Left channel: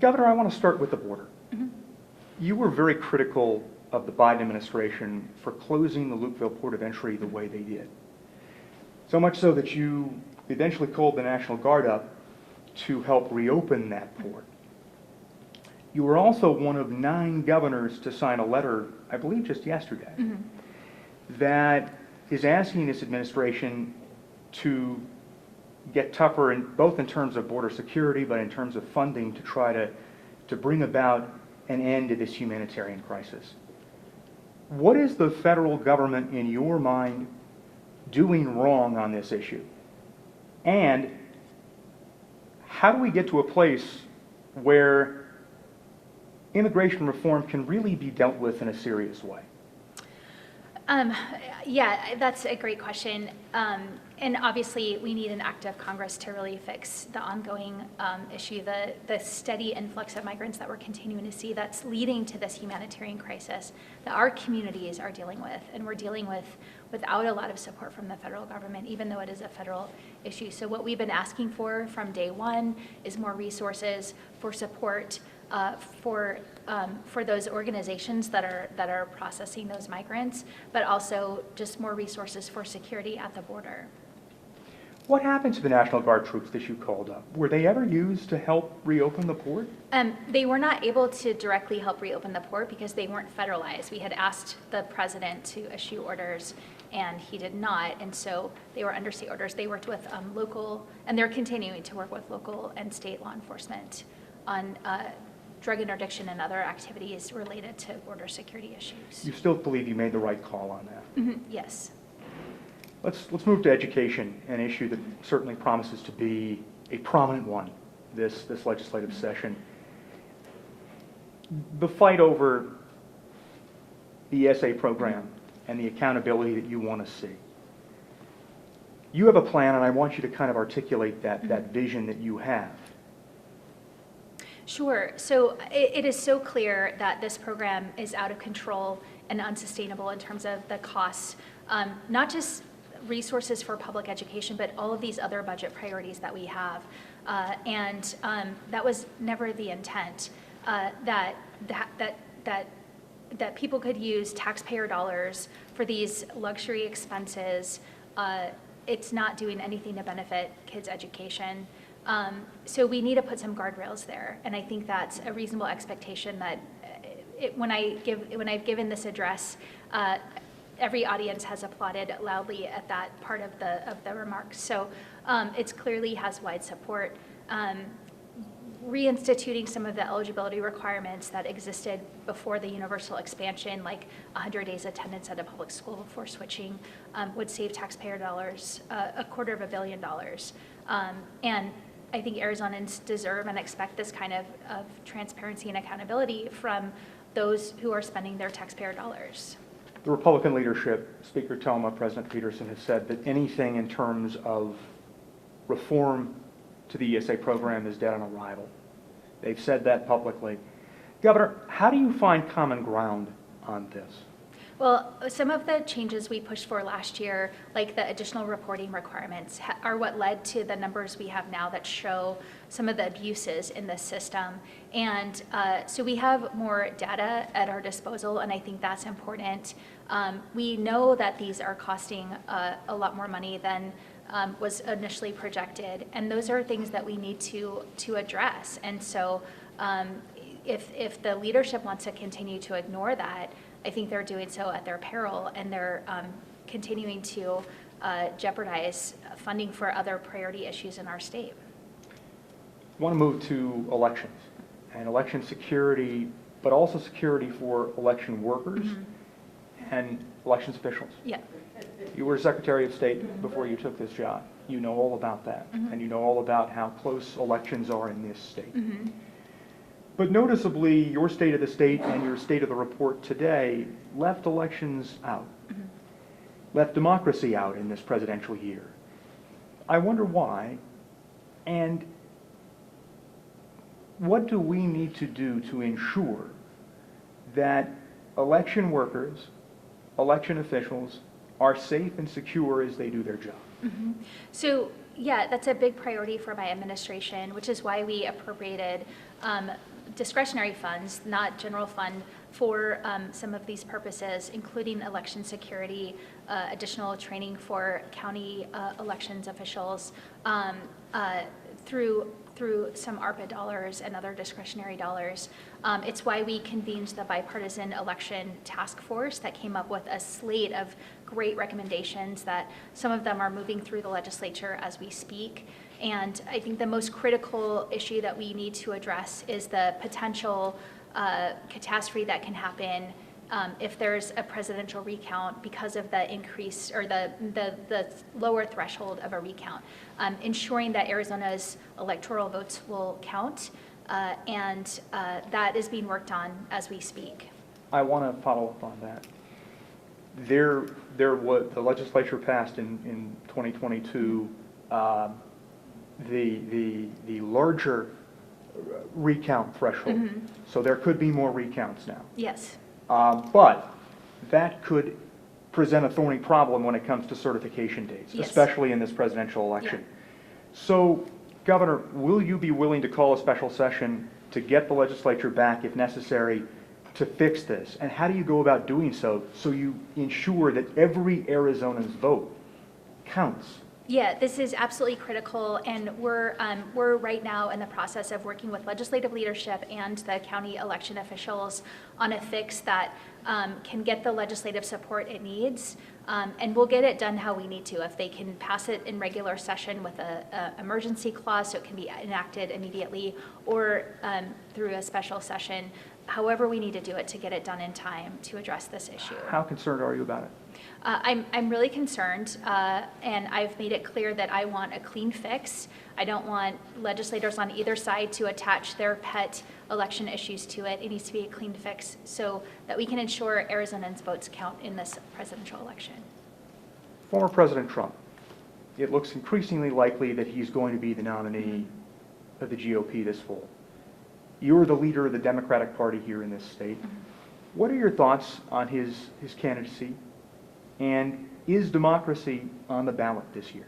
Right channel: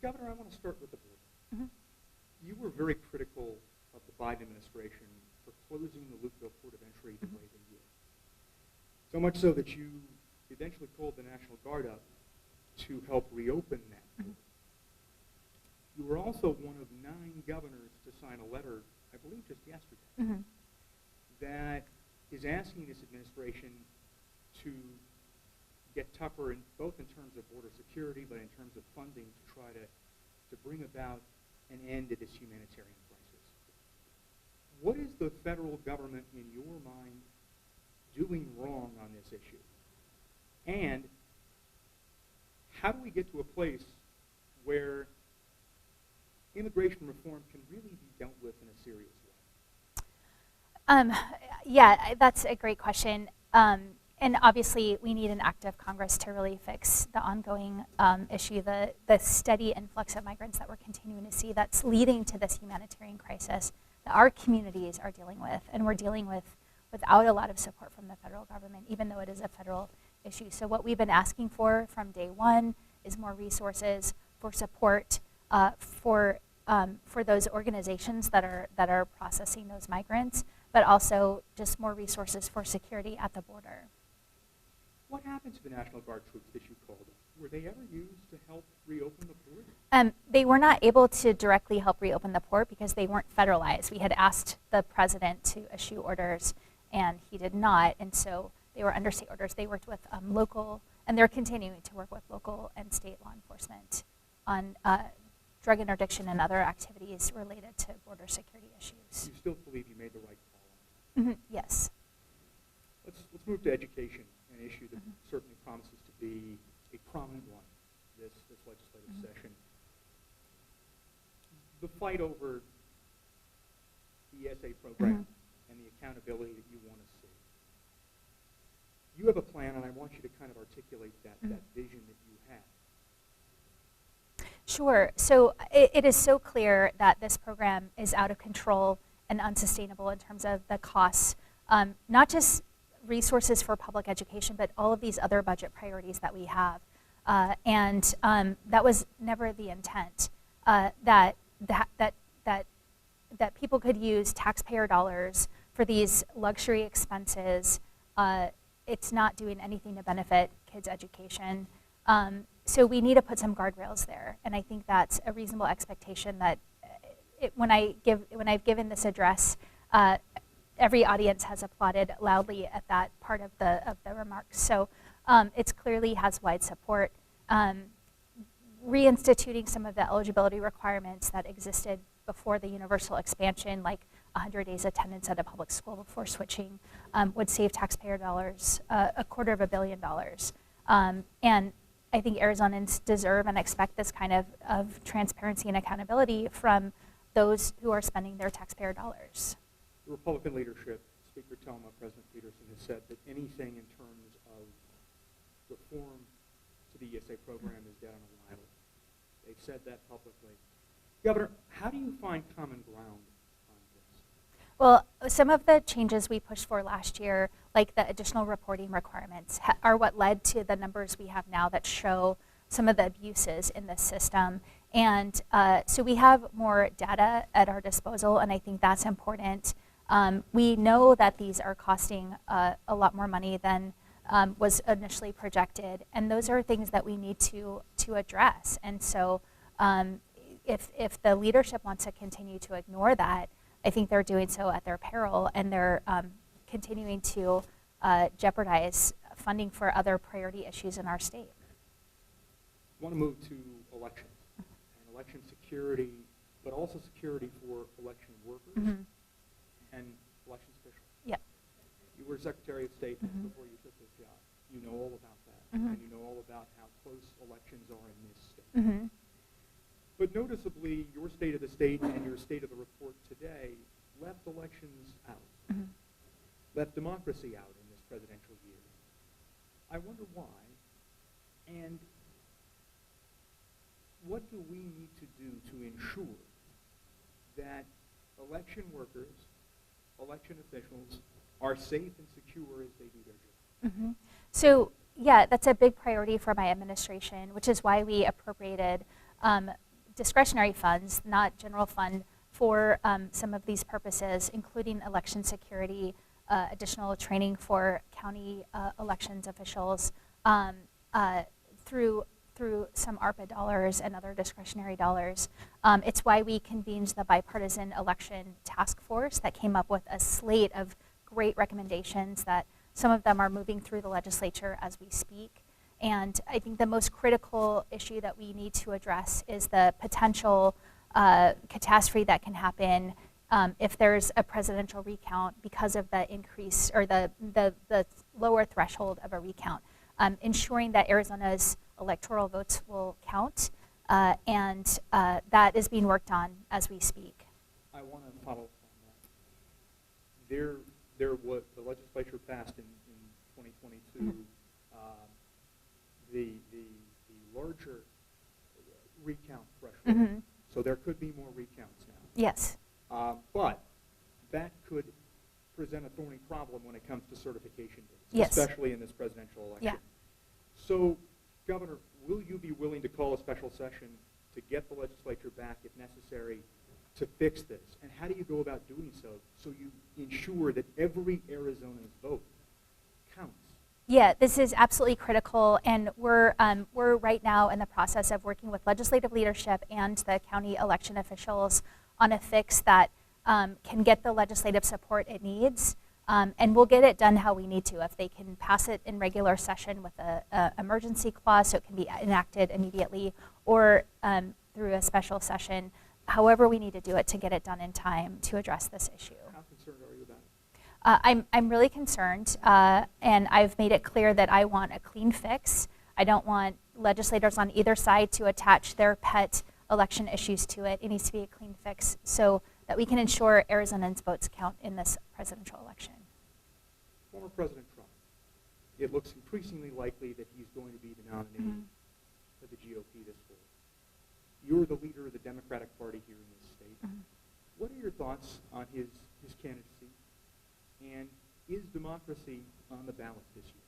Governor, I want to start with the border. You were very critical of the Biden administration for closing the Lukeville port of entry the way they did. So much so that you eventually called the National Guard up to help reopen that port. You were also one of 9 governors to sign a letter, I believe just yesterday, that is asking this administration to get tougher, both in terms of border security, but in terms of funding to try to bring about an end to this humanitarian crisis. What is the federal government, in your mind, doing wrong on this issue? And how do we get to a place where immigration reform can really be dealt with in a serious way? Yeah, that's a great question. And obviously, we need an act of Congress to really fix the ongoing issue, the steady influx of migrants that we're continuing to see that's leading to this humanitarian crisis that our communities are dealing with, and we're dealing with without a lot of support from the federal government, even though it is a federal issue. So what we've been asking for from day one is more resources for support for those organizations that are processing those migrants, but also just more resources for security at the border. What happened to the National Guard troops that you called up? Were they ever used to help reopen the port? They were not able to directly help reopen the port because they weren't federalized. We had asked the president to issue orders, and he did not, and so they were under state orders. They worked with local, and they're continuing to work with local and state law enforcement on drug interdiction and other activities related to border security issues. You still believe you made the right call on that? Yes. Let's move to education, an issue that certainly promises to be a prominent one this legislative session. The fight over the ESA program and the accountability that you want to see. You have a plan, and I want you to kind of articulate that vision that you have. Sure. So it is so clear that this program is out of control and unsustainable in terms of the costs, not just resources for public education, but all of these other budget priorities that we have. And that was never the intent, that people could use taxpayer dollars for these luxury expenses. It's not doing anything to benefit kids' education. So we need to put some guardrails there, and I think that's a reasonable expectation that when I've given this address, every audience has applauded loudly at that part of the remarks. So it clearly has wide support. Reinstituting some of the eligibility requirements that existed before the universal expansion, like 100 days attendance at a public school before switching, would save taxpayer dollars, $250 million. And I think Arizonans deserve and expect this kind of transparency and accountability from those who are spending their taxpayer dollars. The Republican leadership, Speaker Toma, President Peterson, has said that anything in terms of reform to the ESA program is dead on arrival. They've said that publicly. Governor, how do you find common ground on this? Well, some of the changes we pushed for last year, like the additional reporting requirements, are what led to the numbers we have now that show some of the abuses in this system. And so we have more data at our disposal, and I think that's important. We know that these are costing a lot more money than was initially projected, and those are things that we need to address. And so if the leadership wants to continue to ignore that, I think they're doing so at their peril, and they're continuing to jeopardize funding for other priority issues in our state. I want to move to elections and election security, but also security for election workers and elections officials. Yeah. You were Secretary of State before you took this job. You know all about that, and you know all about how close elections are in this state. But noticeably, your state of the state and your state of the report today left elections out, left democracy out in this presidential year. I wonder why, and what do we need to do to ensure that election workers, election officials are safe and secure as they do their job? So yeah, that's a big priority for my administration, which is why we appropriated discretionary funds, not general fund, for some of these purposes, including election security, additional training for county elections officials, through some ARPA dollars and other discretionary dollars. It's why we convened the bipartisan election task force that came up with a slate of great recommendations that some of them are moving through the legislature as we speak. And I think the most critical issue that we need to address is the potential catastrophe that can happen if there's a presidential recount because of the increase or the lower threshold of a recount. Ensuring that Arizona's electoral votes will count, and that is being worked on as we speak. I want to follow up on that. There was, the legislature passed in 2022 the larger recount threshold. Mm-hmm. So there could be more recounts now. Yes. But that could present a thorny problem when it comes to certification dates, yes, especially in this presidential election. Yeah. So, Governor, will you be willing to call a special session to get the legislature back, if necessary, to fix this? And how do you go about doing so you ensure that every Arizona's vote counts? Yeah, this is absolutely critical, and we're right now in the process of working with legislative leadership and the county election officials on a fix that can get the legislative support it needs, and we'll get it done how we need to. If they can pass it in regular session with a emergency clause so it can be enacted immediately, or through a special session, however we need to do it to get it done in time to address this issue. How concerned are you about it? I'm really concerned, and I've made it clear that I want a clean fix. I don't want legislators on either side to attach their pet election issues to it. It needs to be a clean fix so that we can ensure Arizonans' votes count in this presidential election. Former President Trump, it looks increasingly likely that he's going to be the nominee of the GOP this fall. You're the leader of the Democratic Party here in this state. Mm-hmm. What are your thoughts on his candidacy? And is democracy on the ballot this year?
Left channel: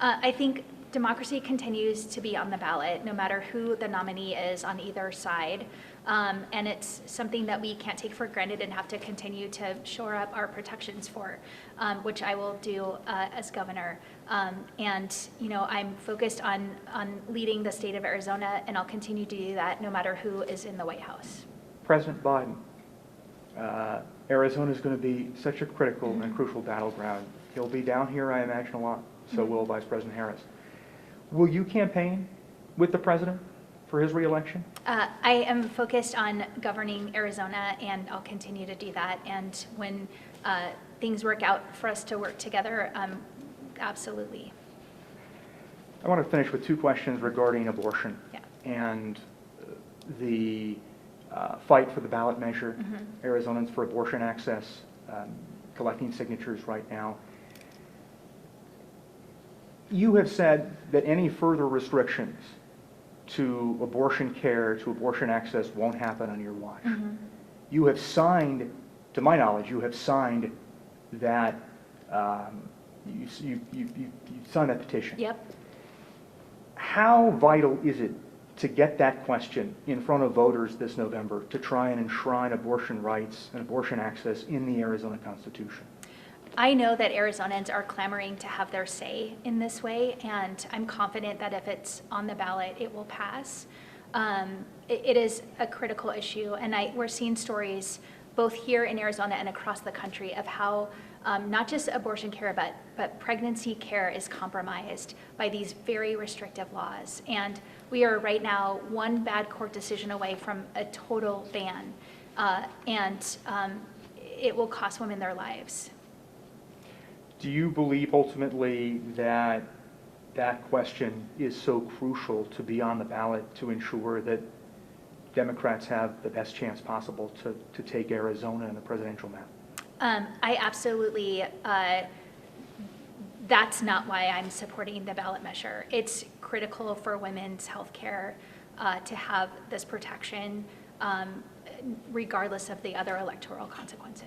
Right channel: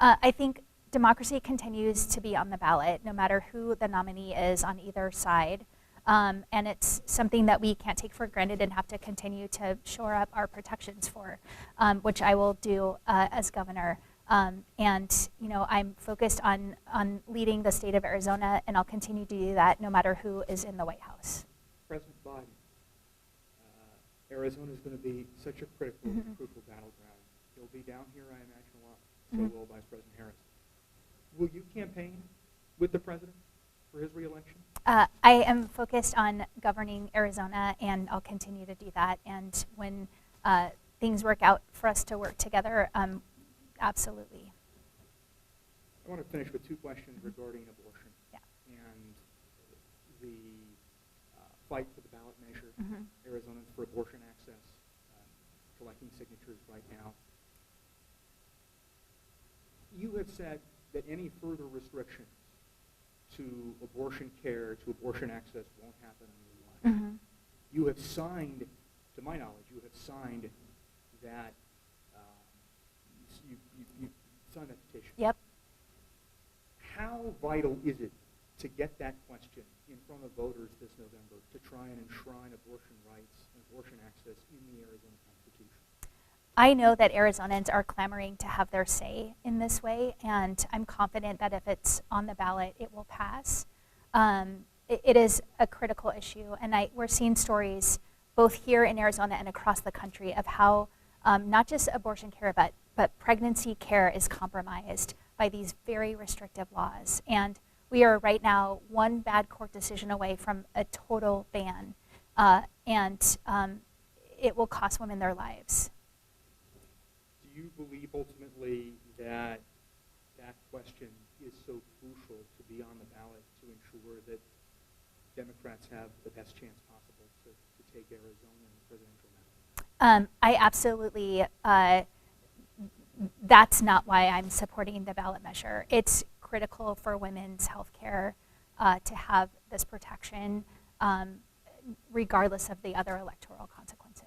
I think democracy continues to be on the ballot, no matter who the nominee is on either side. And it's something that we can't take for granted and have to continue to shore up our protections for, which I will do as governor. And I'm focused on leading the state of Arizona, and I'll continue to do that no matter who is in the White House. President Biden. Arizona is going to be such a critical and crucial battleground. He'll be down here, I imagine, a lot. So will Vice President Harris. Will you campaign with the president for his reelection? I am focused on governing Arizona, and I'll continue to do that. And when things work out for us to work together, absolutely. I want to finish with two questions regarding abortion. Yeah. And the fight for the ballot measure, Arizonans for abortion access, collecting signatures right now. You have said that any further restrictions to abortion care, to abortion access won't happen on your watch. Mm-hmm. You have signed, to my knowledge, you have signed that, you signed that petition. Yep. How vital is it to get that question in front of voters this November to try and enshrine abortion rights and abortion access in the Arizona Constitution? I know that Arizonans are clamoring to have their say in this way, and I'm confident that if it's on the ballot, it will pass. It is a critical issue, and we're seeing stories both here in Arizona and across the country of how not just abortion care, but pregnancy care is compromised by these very restrictive laws. And we are right now one bad court decision away from a total ban, and it will cost women their lives. Do you believe ultimately that that question is so crucial to be on the ballot to ensure that Democrats have the best chance possible to take Arizona in the presidential map? I absolutely, that's not why I'm supporting the ballot measure. It's critical for women's health care to have this protection regardless of the other electoral consequences.